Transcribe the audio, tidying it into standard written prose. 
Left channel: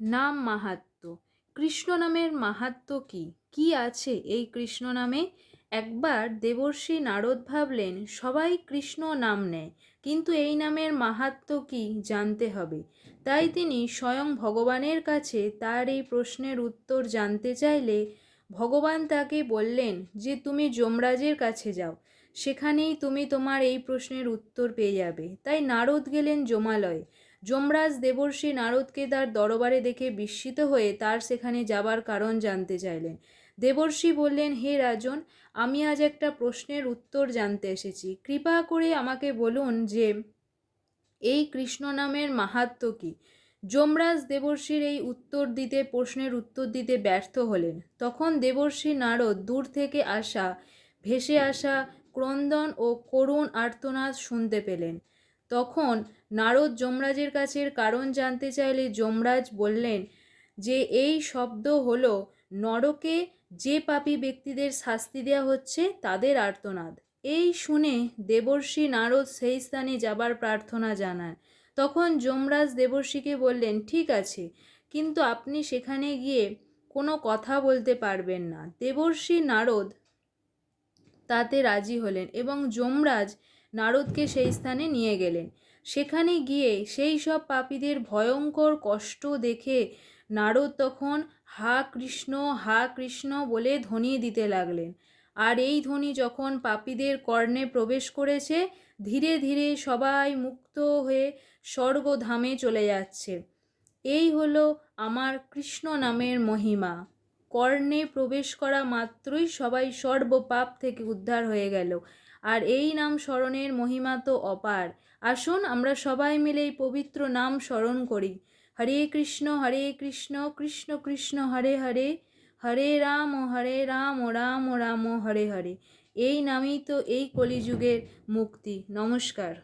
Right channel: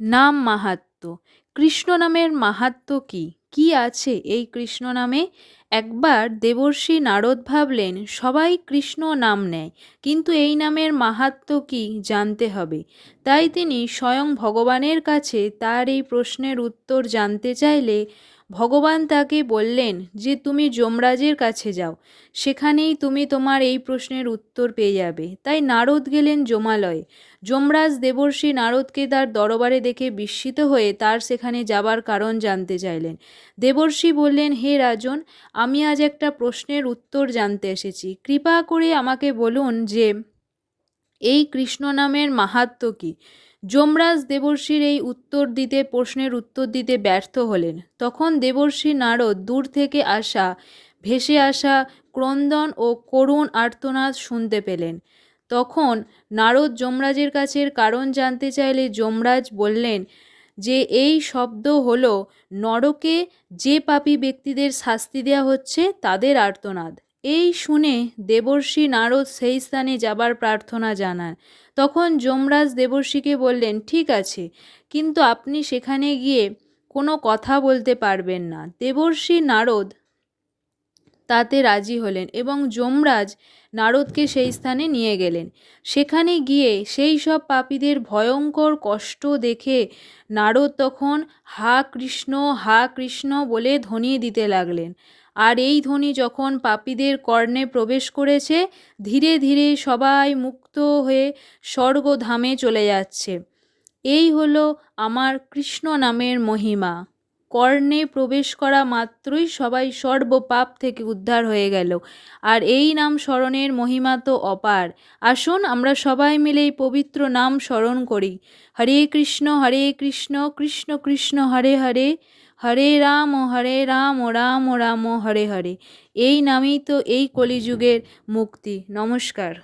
নাম মাহাত্ম্য। কৃষ্ণ নামের মাহাত্ম্য কি? কি আছে এই কৃষ্ণ নামে? একবার দেবর্ষি নারদ ভাবলেন সবাই কৃষ্ণ নাম নেয়, কিন্তু এই নামের মাহাত্ম্য কি জানতে হবে। তাই তিনি স্বয়ং ভগবানের কাছে তার এই প্রশ্নের উত্তর জানতে চাইলে ভগবান তাকে বললেন যে তুমি যমরাজের কাছে যাও, সেখানেই তুমি তোমার এই প্রশ্নের উত্তর পেয়ে যাবে। তাই নারদ গেলেন যমালয়ে। যমরাজ দেবর্ষি নারদকে তার দরবারে দেখে বিস্মিত হয়ে তার সেখানে যাবার কারণ জানতে চাইলেন। দেবর্ষি বললেন, হে রাজন, আমি আজ একটা প্রশ্নের উত্তর জানতে এসেছি। কৃপা করে আমাকে বলুন যে এই কৃষ্ণ নামের মাহাত্ম্য কি। যমরাজ দেবর্ষির এই প্রশ্নের উত্তর দিতে ব্যর্থ হলেন। তখন দেবর্ষি নারদ দূর থেকে ভেসে আসা ক্রন্দন ও করুণ আর্তনাদ শুনতে পেলেন। তখন নারদ যমরাজের কাছে কারণ জানতে চাইলে যমরাজ বললেন যে এই শব্দ হলো নরকে যে পাপী ব্যক্তিদের শাস্তি দেওয়া হচ্ছে তাদের আর্তনাদ। এই শুনে দেবর্ষি নারদ সেই স্থানে যাবার প্রার্থনা জানান। তখন যমরাজ দেবর্ষিকে বললেন, ঠিক আছে, কিন্তু আপনি সেখানে গিয়ে কোনো কথা বলতে পারবেন না। দেবর্ষি নারদ তাতে রাজি হলেন এবং যমরাজ নারদকে সেই স্থানে নিয়ে গেলেন। সেখানে গিয়ে সেই সব পাপীদের ভয়ঙ্কর কষ্ট দেখে নারদ তখন হা কৃষ্ণ বলে ধ্বনি দিতে লাগলেন। আর এই ধ্বনি যখন পাপীদের কর্ণে প্রবেশ করেছে, ধীরে ধীরে সবাই মুক্ত হয়ে স্বর্গধামে চলে যাচ্ছে। এই হলো আমার কৃষ্ণ নামের মহিমা। কর্ণে প্রবেশ করা মাত্রই সবাই সর্বপাপ থেকে উদ্ধার হয়ে গেল। আর এই নাম স্মরণের মহিমা তো অপার। আসুন আমরা সবাই মিলে এই পবিত্র নাম স্মরণ করি। হরে কৃষ্ণ কৃষ্ণ কৃষ্ণ হরে হরে, হরে রাম রাম রাম হরে হরে। এই নামেই তো এই কলিযুগের মুক্তি। নমস্কার।